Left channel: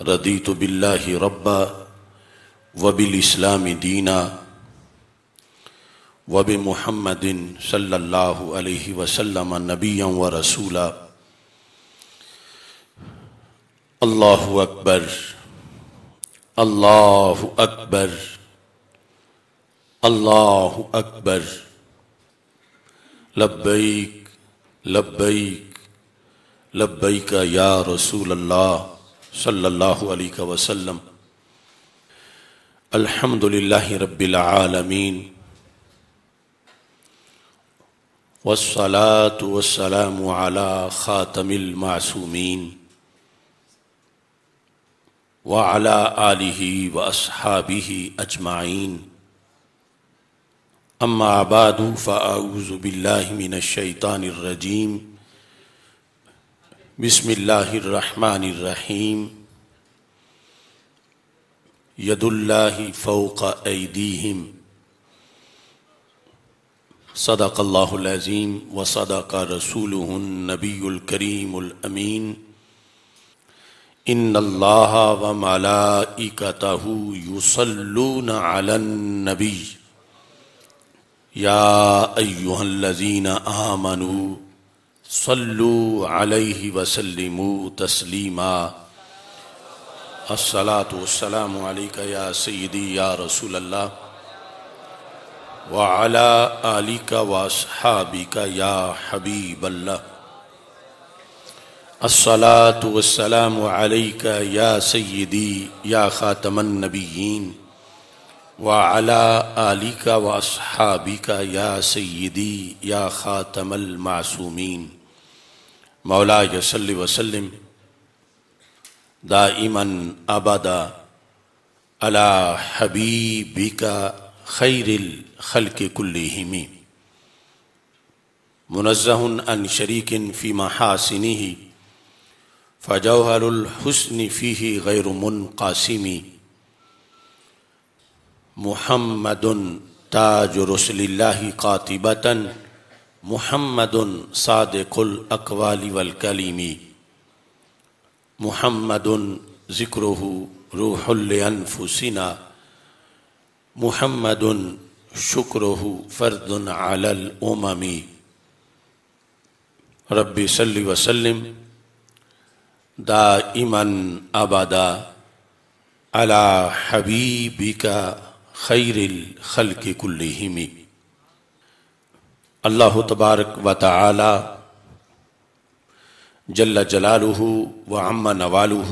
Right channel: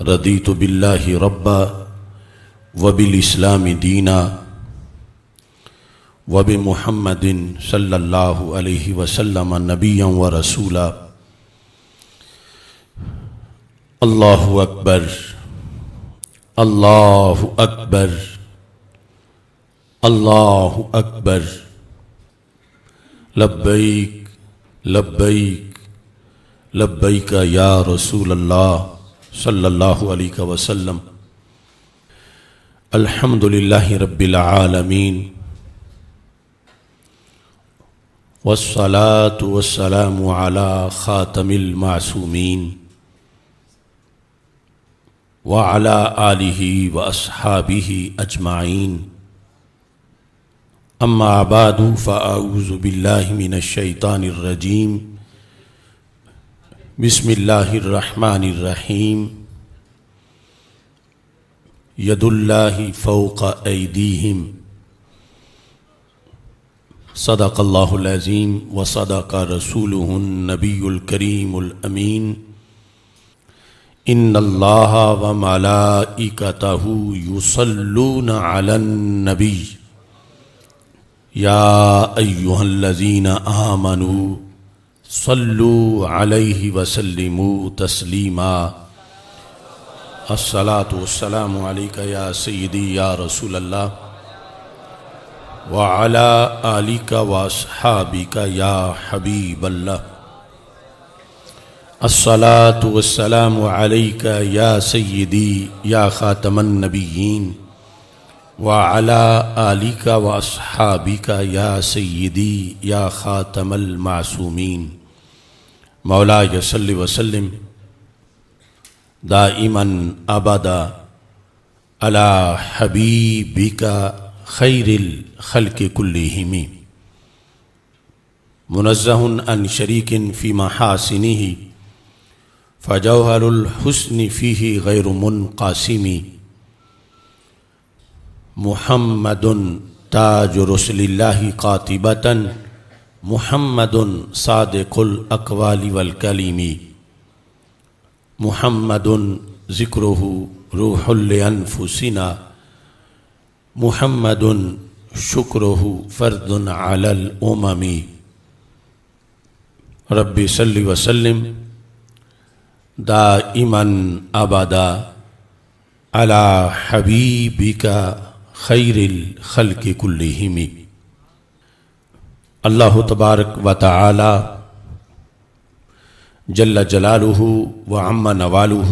رضیت باللہ ربا وبالاسلام دینا وبمحمد صلی اللہ علیہ وسلم نبیا ورسولا۔ اللہ اکبر اللہ اکبر اللہ اکبر، لبیک لبیک لبیک یا رسول اللہ صلی اللہ علیہ وسلم۔ الحمدللہ رب العالمین والصلاة والسلام على خاتم المعصومین وعلى آلہ واصحابہ اجمعین، اما بعد فاعوذ باللہ من الشیطان الرجیم، بسم اللہ الرحمن الرحیم۔ ید اللہ فوق ایدیہم، صدق اللہ العظیم وصدق رسولہ النبی الکریم الامین۔ ان اللہ وملائکتہ یصلون علی النبی یا ایہا الذین آمنوا صلوا علیہ وسلموا تسلیما۔ الصلاة والسلام علیکہ یا سیدی یا رسول اللہ وعلی آلکہ واصحابکہ یا حبیب اللہ۔ الصلاة والسلام علیکہ یا سیدی یا خاتم النبیین وعلی آلکہ واصحابکہ یا سیدی یا خاتم المعصومین۔ مولاي صل وسلم دائما ابدا على حبيبك خير الخلق كلهم، منزه عن شريك في محاسنه فجوهر الحسن فيه غير منقسم، محمد تاج رسل الله قاطبة، محمد صادق الاقوال والکلم، محمد ذکرہ روح لانفسنا، محمد شکرہ فرد علی الامم۔ رب صل وسلم دائما ابدا علی حبیبک خیر الخلق کلہم۔ اللہ تبارک و تعالی جل جلالہ وعم نوالہ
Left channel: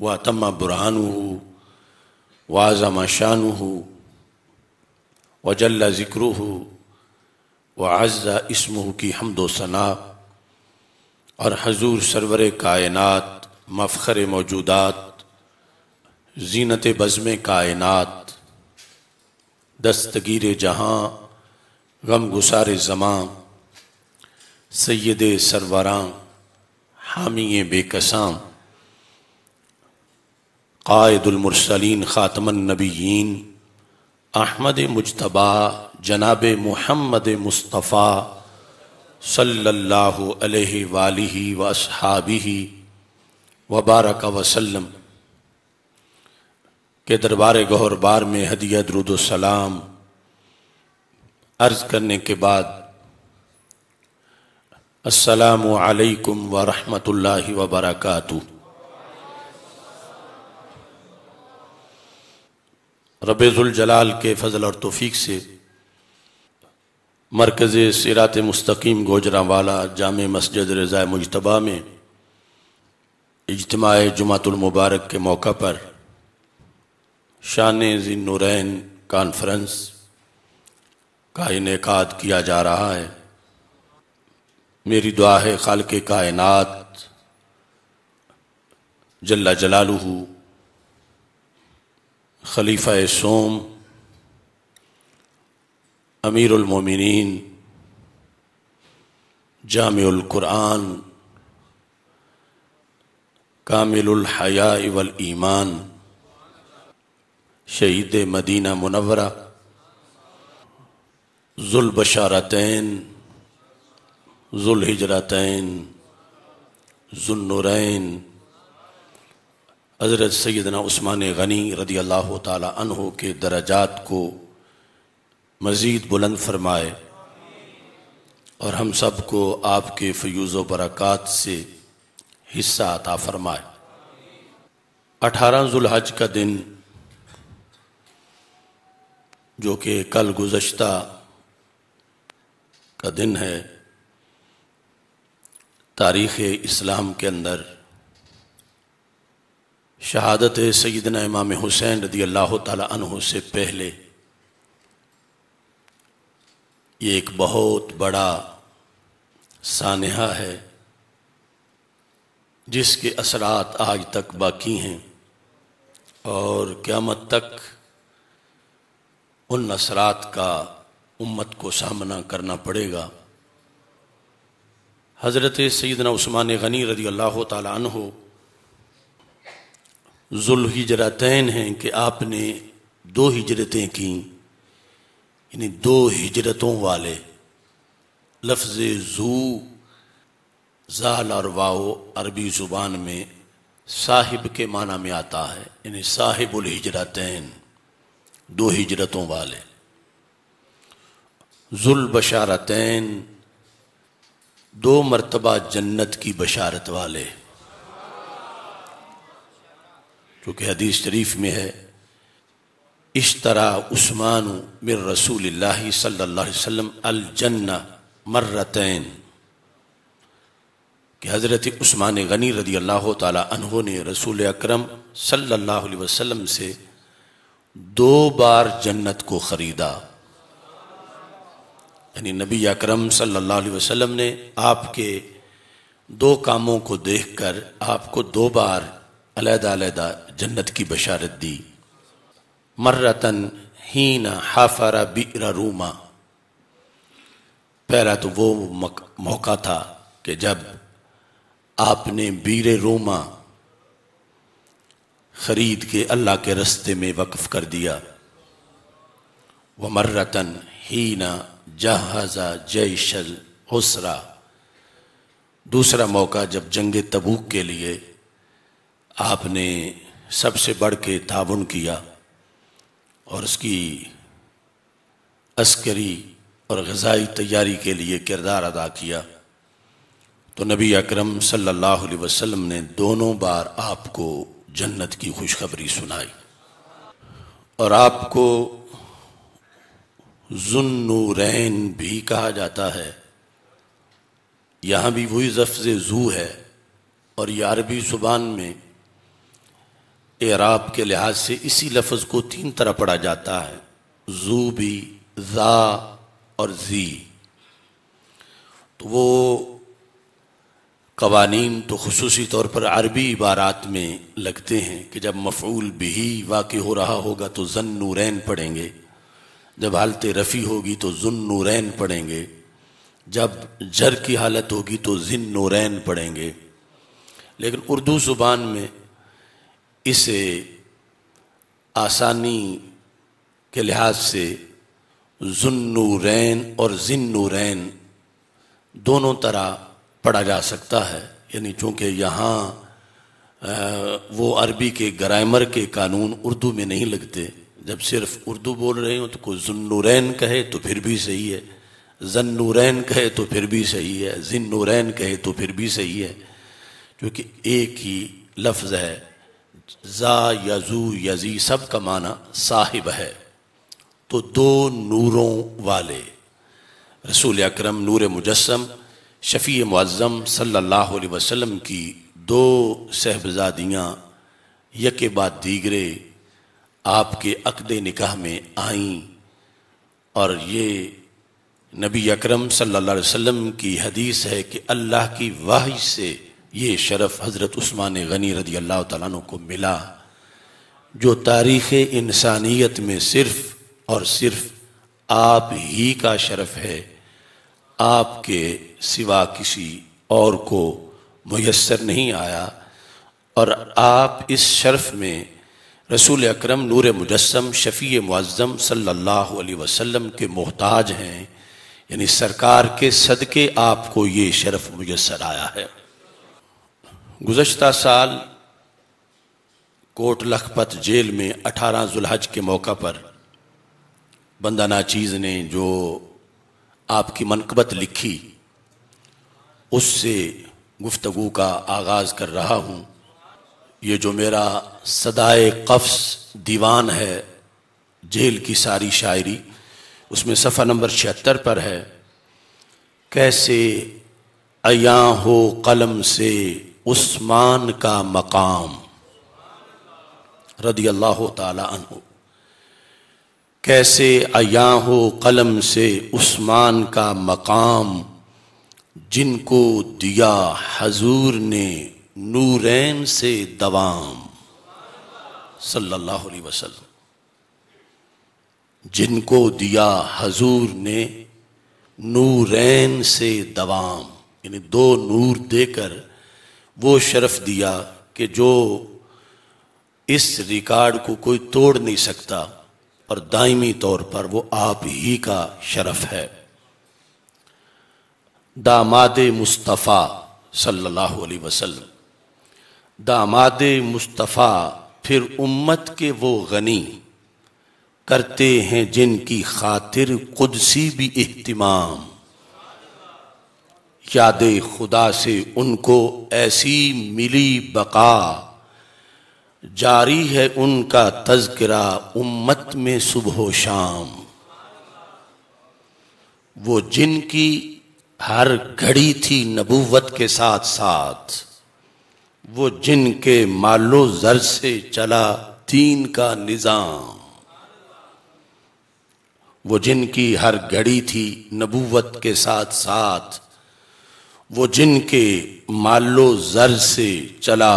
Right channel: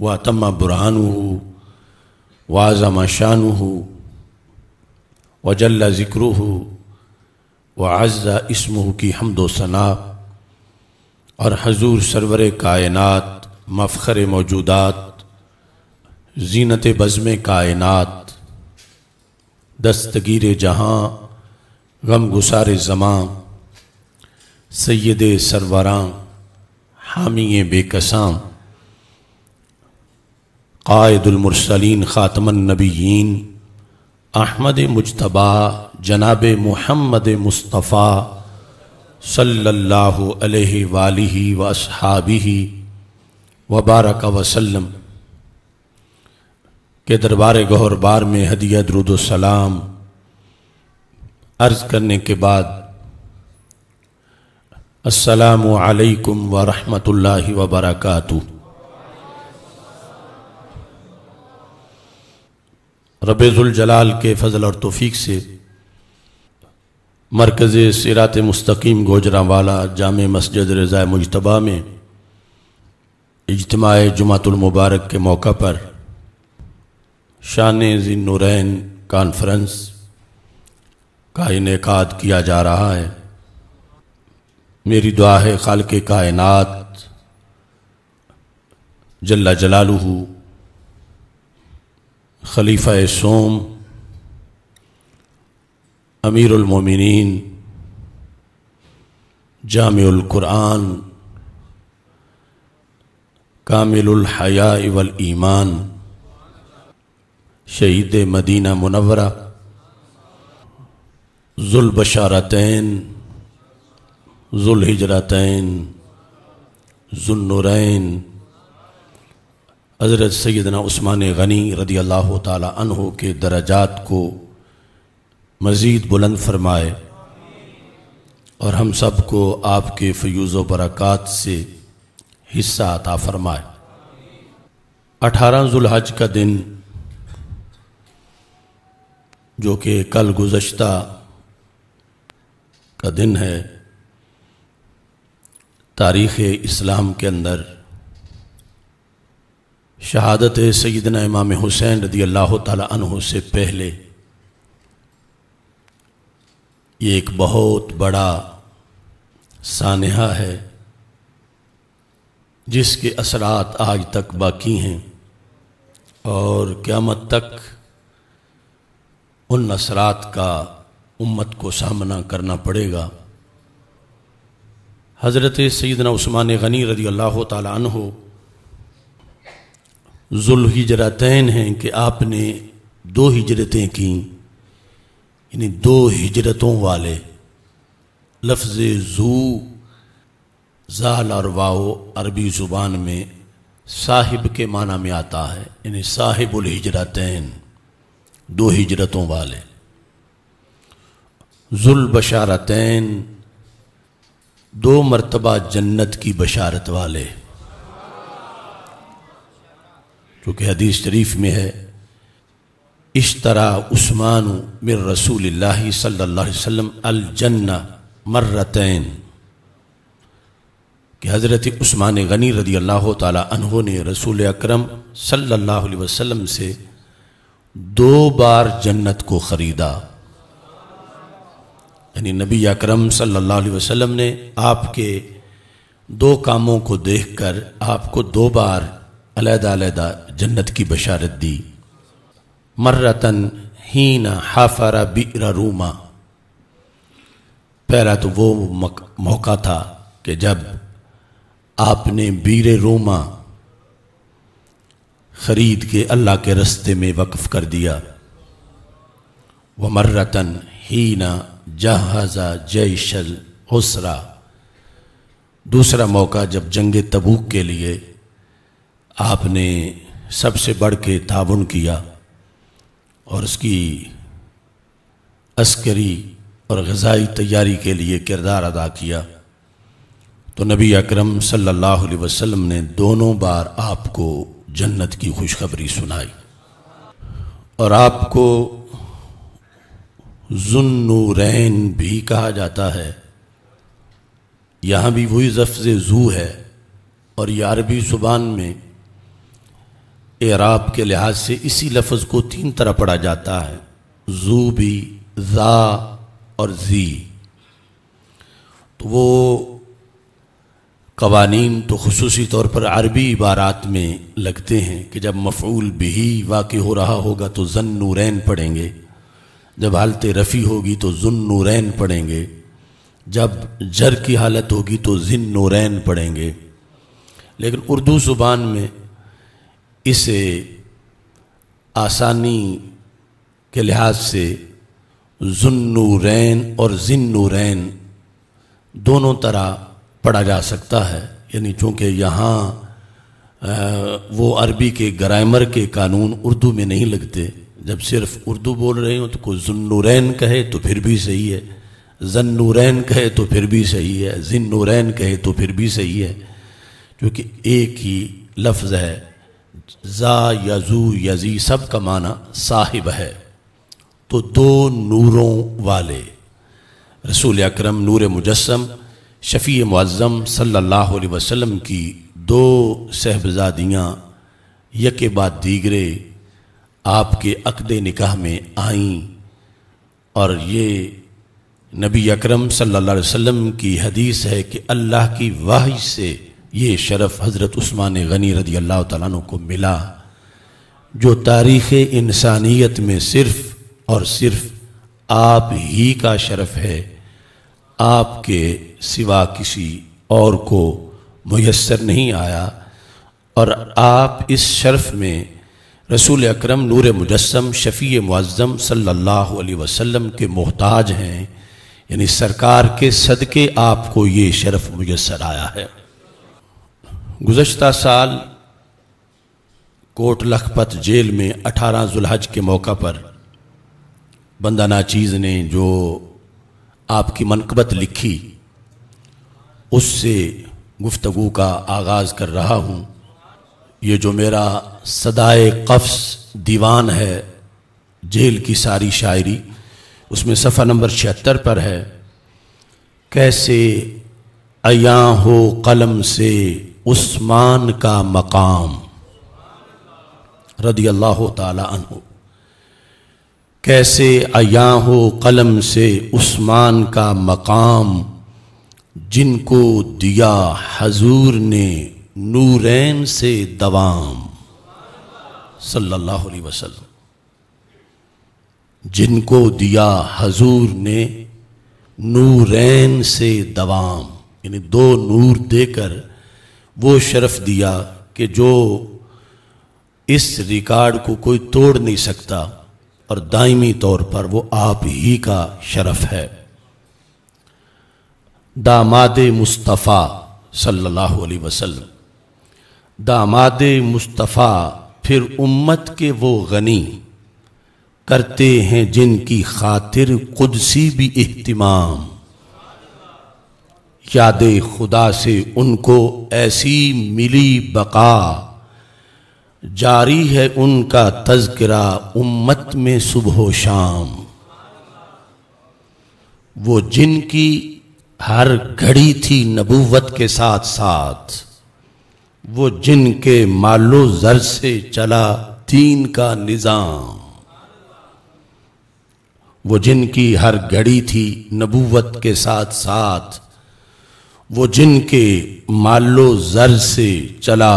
واتم برہانہ وعظم شانہ وجل ذکرہ وعز اسمہ کی حمد و ثنا، اور حضور سرور کائنات، مفخر موجودات، زینت بزم کائنات، دستگیر جہاں، غم گسار زمان، سید سروراں، حامی بے کساں، قائد المرسلین خاتم النبیین، احمد مجتبی جناب محمد مصطفیٰ صلی اللہ علیہ وآلہ واصحابہ وبارک وسلم کے دربار گہر بار میں ہدیہ درود و سلام عرض کرنے کے بعد، السلام علیکم ورحمۃ اللہ وبرکاتہ۔ رب ذوالجلال کے فضل اور توفیق سے مرکز صراط مستقیم گوجرانوالا جامع مسجد رضا مجتبیٰ میں اجتماع جمعۃ المبارک کے موقع پر شان ذی النورین کانفرنس کا انعقاد کیا جا رہا ہے۔ میری دعا ہے خالق کائنات جل جلالہ خلیفہ سوم امیر المومنین جامع القرآن کامل الحیاء والایمان شہید مدینہ منورہ ذو البشارتین ذو الہجرتین ذو النورین حضرت سیدنا عثمان غنی رضی اللہ تعالی عنہ کے درجات کو مزید بلند فرمائے اور ہم سب کو آپ کے فیوز و برکات سے حصہ عطا فرمائے۔ 18 ذوالحج کا دن جو کہ کل گزشتہ کا دن ہے، تاریخ اسلام کے اندر شہادت سیدنا امام حسین رضی اللہ تعالی عنہ سے پہلے یہ ایک بہت بڑا سانحہ ہے جس کے اثرات آج تک باقی ہیں اور قیامت تک ان اثرات کا امت کو سامنا کرنا پڑے گا۔ حضرت سیدنا عثمان غنی رضی اللہ تعالی عنہ ذوالہجرتین ہیں کہ آپ نے 2 ہجرتیں کیں، یعنی 2 ہجرتوں والے۔ لفظ ذو زال اور واو عربی زبان میں صاحب کے معنی میں آتا ہے، یعنی صاحب الہجرتین، 2 ہجرتوں والے۔ ذوالبشارتین، 2 مرتبہ جنت کی بشارت والے، کیونکہ حدیث شریف میں ہے اشترا عثمان من رسول اللہ صلی اللہ علیہ وسلم الجنہ مرتین، کہ حضرت عثمان غنی رضی اللہ تعالی عنہ نے رسول اکرم صلی اللہ علیہ وسلم سے 2 بار جنت کو خریدا، یعنی نبی اکرم صلی اللہ علیہ وسلم نے آپ کے 2 کاموں کو دیکھ کر آپ کو 2 بار علیحدہ علیحدہ جنت کی بشارت دی۔ مرتن حین حفر بئر روما، پہلا تو وہ موقع تھا کہ جب آپ نے بئر روما خرید کے اللہ کے رستے میں وقف کر دیا۔ ومرتن حین جہز جیش العسرہ، دوسرا موقع جب جنگ تبوک کے لیے آپ نے سب سے بڑھ کے تعاون کیا اور اس کی عسکری اور غذائی تیاری کے لیے کردار ادا کیا، تو نبی اکرم صلی اللہ علیہ وسلم نے دونوں بار آپ کو جنت کی خوشخبری سنائی، اور آپ کو ذو النورین بھی کہا جاتا ہے۔ یہاں بھی وہی لفظ ذو ہے، اور یہ عربی زبان میں اعراب کے لحاظ سے اسی لفظ کو 3 طرح پڑھا جاتا ہے، ذو بھی، ذا اور ذی۔ تو وہ قوانین تو خصوصی طور پر عربی عبارات میں لگتے ہیں کہ جب مفعول بھی واقع ہو رہا ہوگا تو ذو النورین پڑھیں گے، جب حالت رفع ہوگی تو ذو النورین پڑھیں گے، جب جر کی حالت ہوگی تو ذی النورین پڑھیں گے۔ لیکن اردو زبان میں اسے آسانی کے لحاظ سے ذو النورین اور ذی النورین دونوں طرح پڑھا جا سکتا ہے، یعنی چونکہ یہاں وہ عربی کے گرامر کے قانون اردو میں نہیں لگتے، جب صرف اردو بول رہے ہوں تو کوئی ذو النورین کہے تو پھر بھی صحیح ہے، ذی النورین کہے تو پھر بھی صحیح ہے، ذی النورین کہے تو پھر بھی صحیح ہے، کیونکہ ایک ہی لفظ ہے۔ ذا یا ذو یا ذی سب کا معنی صاحب ہے، تو 2 نوروں والے رسول اکرم نور مجسم شفیع معظم صلی اللہ علیہ وسلم کی 2 صاحبزادیاں یکے بعد دیگرے آپ کے عقد نکاح میں آئیں، اور یہ نبی اکرم صلی اللہ علیہ وسلم کی حدیث ہے کہ اللہ کی وحی سے یہ شرف حضرت عثمان غنی رضی اللہ تعالیٰ عنہ کو ملا، جو تاریخ انسانیت میں صرف اور صرف آپ ہی کا شرف ہے، آپ کے سوا کسی اور کو میسر نہیں آیا، اور آپ اس شرف میں رسول اکرم نور مجسم شفیع معظم صلی اللہ علیہ وسلم کے محتاج ہیں، یعنی سرکار کے صدقے آپ کو یہ شرف میسر آیا ہے۔ گزشتہ سال کوٹ لکھپت جیل میں 18 ذوالحج کے موقع پر بندہ ناچیز نے جو آپ کی منقبت لکھی اس سے گفتگو کا آغاز کر رہا ہوں۔ یہ جو میرا صدائے قفس دیوان ہے جیل کی ساری شاعری، اس میں صفحہ نمبر 76 پر ہے۔ کیسے عیاں ہو قلم سے عثمان کا مقام رضی اللہ تعالی عنہ، کیسے عیاں ہو قلم سے عثمان کا مقام، جن کو دیا حضور نے نورین سے دوام صلی اللہ علیہ وسلم، جن کو دیا حضور نے نورین سے دوام، یعنی 2 نور دے کر وہ شرف دیا کہ جو اس ریکارڈ کو کوئی توڑ نہیں سکتا، اور دائمی طور پر وہ آپ ہی کا شرف ہے۔ داماد مصطفیٰ صلی اللہ علیہ وسلم، داماد مصطفیٰ پھر امت کے وہ غنی، کرتے ہیں جن کی خاطر قدسی بھی اہتمام، یاد خدا سے ان کو ایسی ملی بقا، جاری ہے ان کا تذکرہ امت میں صبح و شام، وہ جن کی ہر گھڑی تھی نبوت کے ساتھ ساتھ، وہ جن کے مال و زر سے چلا دین کا نظام، وہ جن کی ہر گھڑی تھی نبوت کے ساتھ ساتھ، وہ جن کے مال و زر سے چلا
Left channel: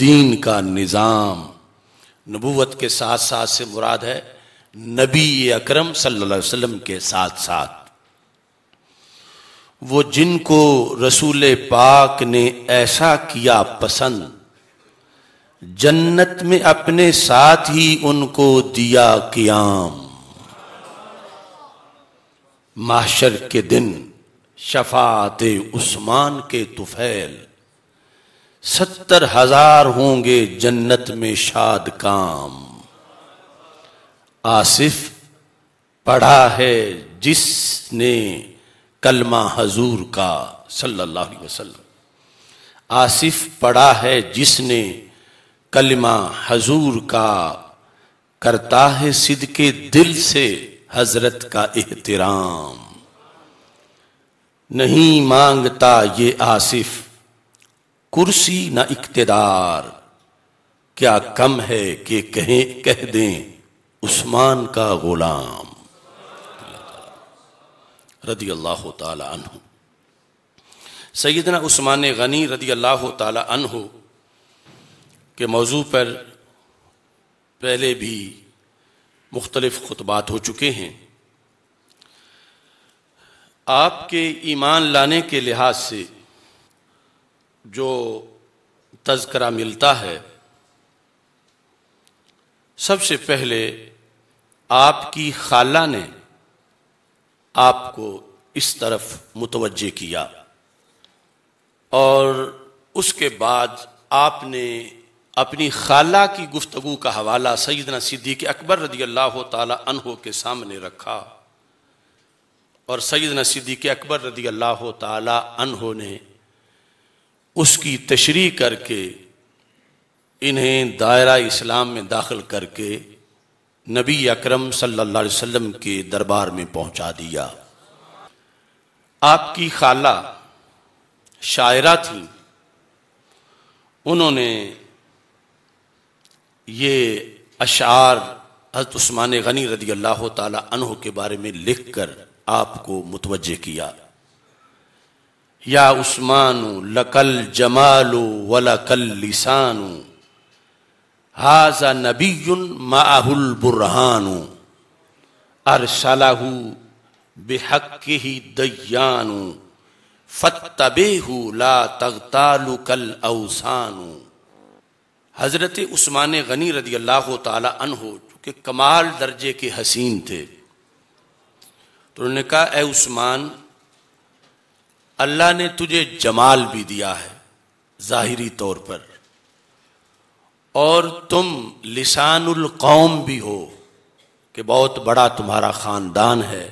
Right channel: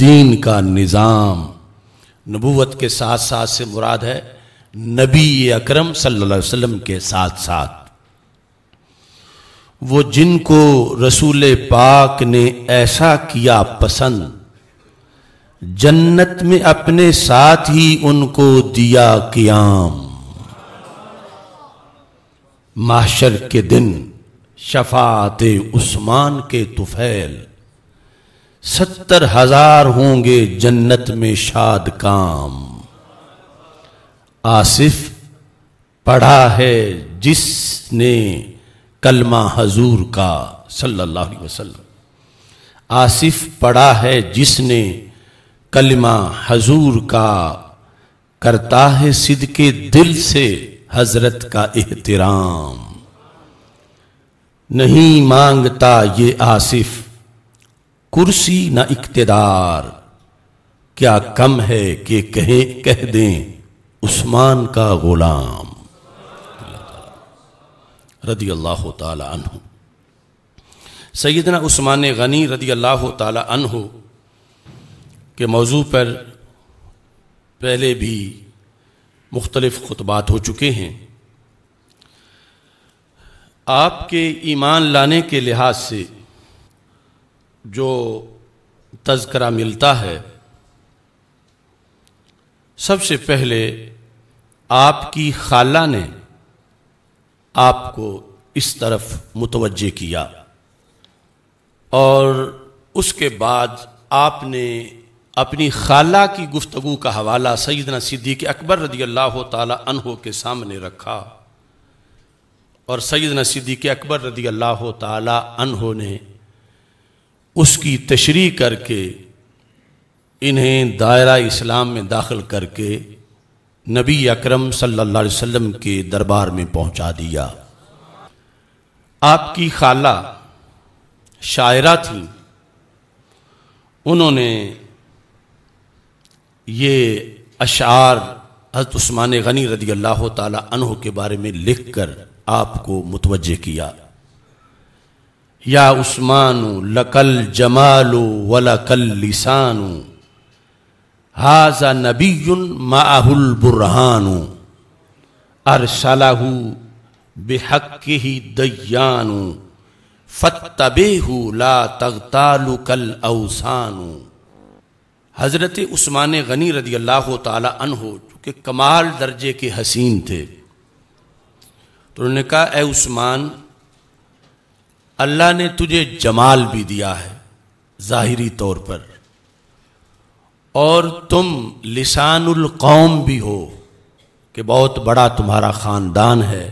دین کا نظام۔ نبوت کے ساتھ ساتھ سے مراد ہے نبی اکرم صلی اللہ علیہ وسلم کے ساتھ ساتھ، وہ جن کو رسول پاک نے ایسا کیا پسند، جنت میں اپنے ساتھ ہی ان کو دیا قیام، محشر کے دن شفاعت عثمان کے طفیل، 70,000 ہوں گے جنت میں شاد کام، آصف پڑھا ہے جس نے کلمہ حضور کا صلی اللہ علیہ وسلم، آصف پڑھا ہے جس نے کلمہ حضور کا، کرتا ہے صدقے دل سے حضرت کا احترام، نہیں مانگتا یہ آصف کرسی نہ اقتدار، کیا کم ہے کہ کہہ دیں عثمان کا غلام رضی اللہ تعالی عنہ۔ سیدنا عثمان غنی رضی اللہ تعالی عنہ کے موضوع پر پہلے بھی مختلف خطبات ہو چکے ہیں۔ آپ کے ایمان لانے کے لحاظ سے جو تذکرہ ملتا ہے، سب سے پہلے آپ کی خالہ نے آپ کو اس طرف متوجہ کیا، اور اس کے بعد آپ نے اپنی خالہ کی گفتگو کا حوالہ سیدنا صدیق اکبر رضی اللہ تعالی عنہ کے سامنے رکھا، اور سیدنا صدیق اکبر رضی اللہ تعالی عنہ نے اس کی تشریح کر کے انہیں دائرہ اسلام میں داخل کر کے نبی اکرم صلی اللہ علیہ وسلم کے دربار میں پہنچا دیا۔ آپ کی خالہ شاعرہ تھیں، انہوں نے یہ اشعار حضرت عثمان غنی رضی اللہ تعالی عنہ کے بارے میں لکھ کر آپ کو متوجہ کیا۔ یا عثمان لکل جمال ولکل لسان، ھذا نبی معہ البرہان، ارسلہ بحقہ دیان، فاتبعہ لا تغتالک الاوثان۔ حضرت عثمان غنی رضی اللہ تعالی عنہ چونکہ کمال درجے کے حسین تھے، تو انہوں نے کہا اے عثمان، اللہ نے تجھے جمال بھی دیا ہے ظاہری طور پر، اور تم لسان القوم بھی ہو کہ بہت بڑا تمہارا خاندان ہے،